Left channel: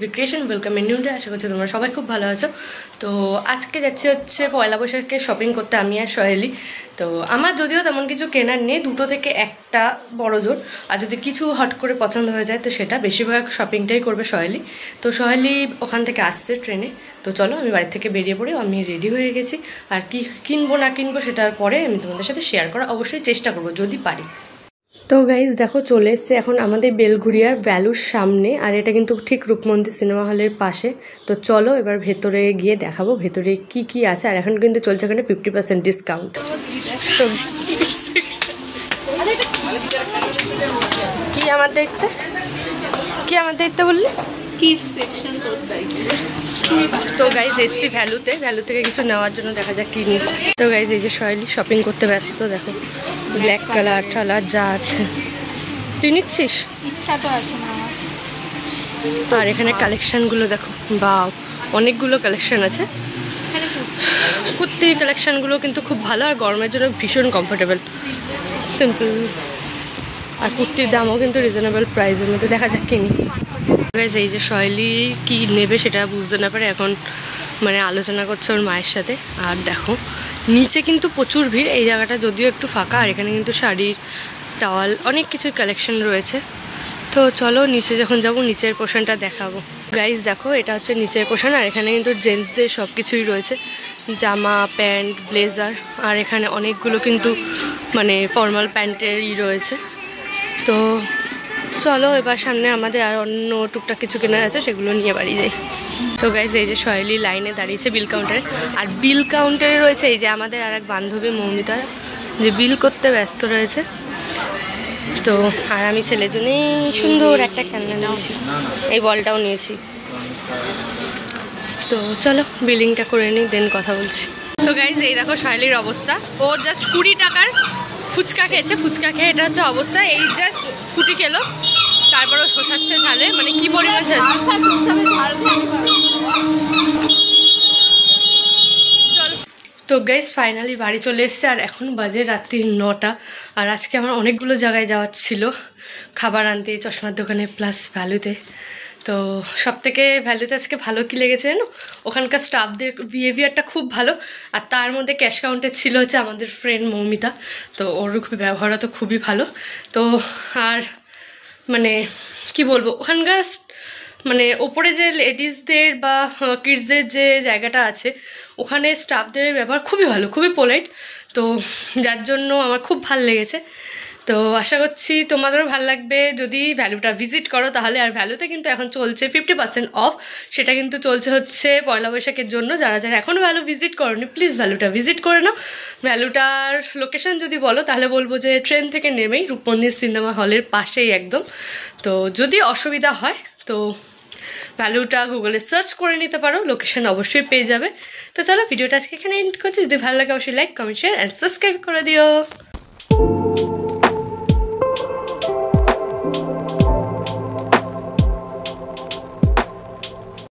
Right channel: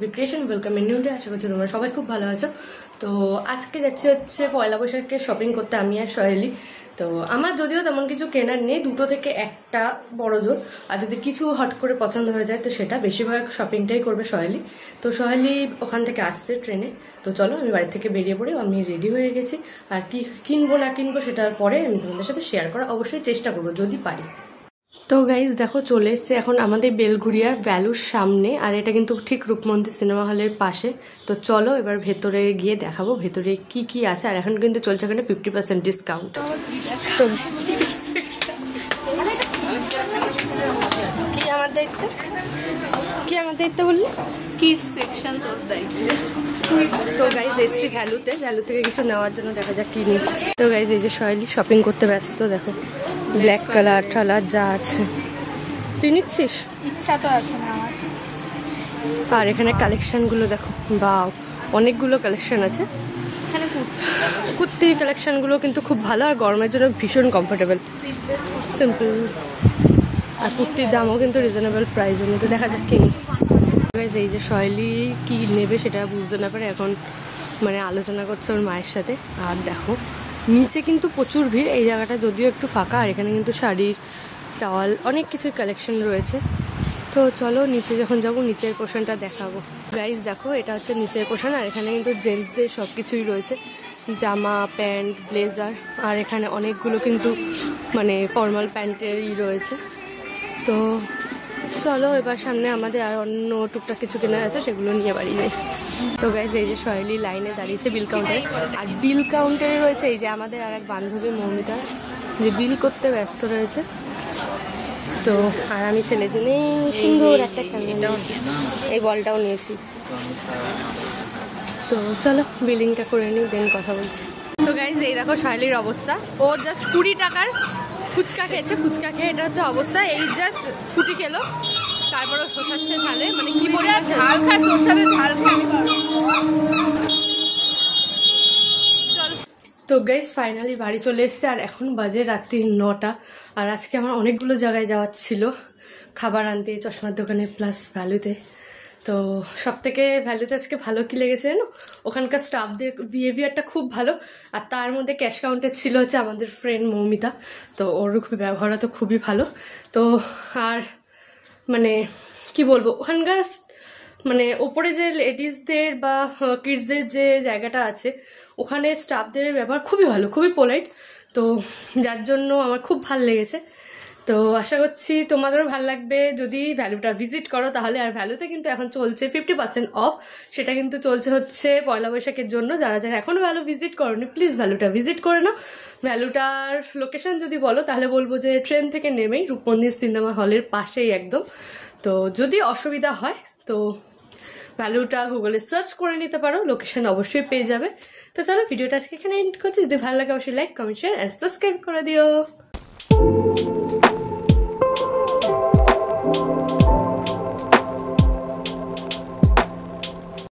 SB creation welcome in new day. আশা করছি তোমরা সবাই খুব ভালো আছো। তো আজকে যাচ্ছি হচ্ছে পয়লা বৈশাখে শপিং করতে আমি আর সহেলি। তো আমার যদিও তেমন কিছু কেনার নেই, দুটো থেকে একটা বড় জোর। আর যদি কিছু হট করে পছন্দ হয়ে যায় তো সেটা বেশিরভাগ শপিংটাই করবে সহেলি। তো সহেলি ওখান থেকে আসছে ট্রেনে। তো চলো আমি বাড়ি থেকে বেরিয়ে পড়ি, আমি রেডি হয়ে গেছি। আর কি কিনবো না কিনবো সেটার পরে আমি তোমাদের সাথে শেয়ার করার অবশ্যই চেষ্টা করবো যদি পারি। তো গাইজ দেখো চলে এসছে এখন আমাদের বেলঘুরিয়ার ভ্যালুর সামনে, আর এটা কিন্তু ঠিক রূপমন্দির সিনেমা হলের পাশে। তো চলো এবার ভেতরে গিয়ে দেখাবো ভেতরে কি কি আছে। আর এখন কিন্তু চলছে এখানে 50% ডিসকাউন্ট। কি আমার দেখতে বললে? কিডস সেকশন তো গাইজ এসছি ভ্যালু থেকে কিছু নেওয়ার জন্য, দেখা যাক কি নিই। তো গাইজ এই যে সহেলি শপিং করতে ব্যস্ত, দেখো ব্ল্যাক কালার টালার যা আছে। তুই নিচ্ছিস? ইচ্ছা তো আছে না। আর এখানে কালেকশনগুলো দেখো, বাও অনেকগুলো কালেকশন আছে। কুর্তির কালেকশনগুলো কিন্তু খুব ভালো, আর গরমের জন্য ভীষণ কমফোর্টেবল, সিম্পল। আর কুর্তির দামও কিন্তু রিজনেবল প্রাইসের মধ্যে। দেখা যাক কিনি। এই যে সহেলি কি নেবে সেটা বুঝতে না পারে এখন মানে আলোচনা করছে ওর মায়ের সাথে। আর দেখো নিচে কিন্তু প্রচুর ভিড়, এই জায়গাটা যদিও একটু ফাঁকা। আর এখানে কিন্তু শাড়ির টাওয়াল অনেক কিছুর কালেকশন রয়েছে। তো চলো নিচে যখন যাবো নিচের পোর্শনটা দেখাবো। গাইজ দেখো এটা হচ্ছে নিচের পোর্শন, আর এখানে কিন্তু জেন্টসদের সব কিছুই রয়েছে, জামা প্যান্ট ব্লেজার। আর এখানে অনেকগুলো কিন্তু মানে ফর্মাল প্যান্টেরই রয়েছে। তো চলো এবার সামনে আমাদের আর অন্য টুকটাক কিছু কেনার আছে, সেগুলো নিয়ে বাড়ি যাই। তো গাইজ এই যে সহেলি লাইনে দাঁড়িয়েছে বিল কাউন্টারে, আর বিল কাউন্টারে রয়েছে এই যে আমাদের আর এক বান্ধবী মৌমিতা, যে বিল করতে ব্যস্ত রয়েছে। তো আর আমি ছেলের জন্য সুন্দর একটা খেলনা নিয়েছি, এই বলটাও নিয়েছি। তো চলো বিলিংটা করে নিই, দেন কথা বলছি। তো গাইজ এই দেখো সহেলির অবস্থা, ও জাস্ট 20 টাকার ফুচকা খেয়েছে। ফুচকা খেয়ে এটা হচ্ছে অবস্থা, এই জাস্ট ফুটি খেলো, তারপরও শোষাচ্ছে ঝালে, মানে কি পরিমাণ ঝাল। তো গাইজ ফাইনালি বাড়ি চলে এসছে, আর এখন বাজে রাত্রি 9টা। আর আজকে আমার অনেকগুলো জায়গায় যাওয়ার ছিল, খাবার আনতে, চশমার দোকানে, প্লাস ভ্যালুতে। তো সব থেকে ভ্যালুতে আজকে ভালো কি লেগেছে জানো, ওখানকার স্টাফদের বিহেভিয়ারটা খুব ভালো। আর তার মধ্যে ক্যাশ কাউন্টে ছিল হচ্ছে আমাদের ফ্রেন্ড মৌমিতা, তো ওর ব্যবহারও তো খুবই ভালো। তো আর মানে কি বলবো, ওখানকার মানে ওপরে যে লেডিসদের বা কিডসদের যে জায়গাটা আছে ওখানে স্টাফদের ব্যবহার খুবই ভালো, খুবই পোলাইট। তো যার জন্য আমার খুব ভালো লেগেছে। তো আশা করছি তোমাদেরও ভালো লাগবে যদি ভ্যালুটা ভিজিট করো তাহলে। আর ভ্যালুতে কিন্তু এখন চলছে 50% অফ, সেটা কিন্তু চলছে হচ্ছে পয়লা বৈশাখের জন্য। যারা যারা এখনও ভ্যালু ভিজিট করোনি প্লিজ ভ্যালুটা ভিজিট করে নাও। ভ্যালুটার লোকেশন যদি বলো তাহলে বলবো যে ট্রেন থেকে নেমেই রূপমন্দির সিনেমা হলের পাশেই একদম। তো যদি অসুবিধা হয় তো ভ্যালুটা গুগলে সার্চ করে নিতে পারো, লোকেশন অবশ্যই পেয়ে যাবে। তো চলো ভিডিওটা আজকে এখানে এন্ড করছি। যদি ভালো লাগে অবশ্যই like comment share and subscribe করে দিও।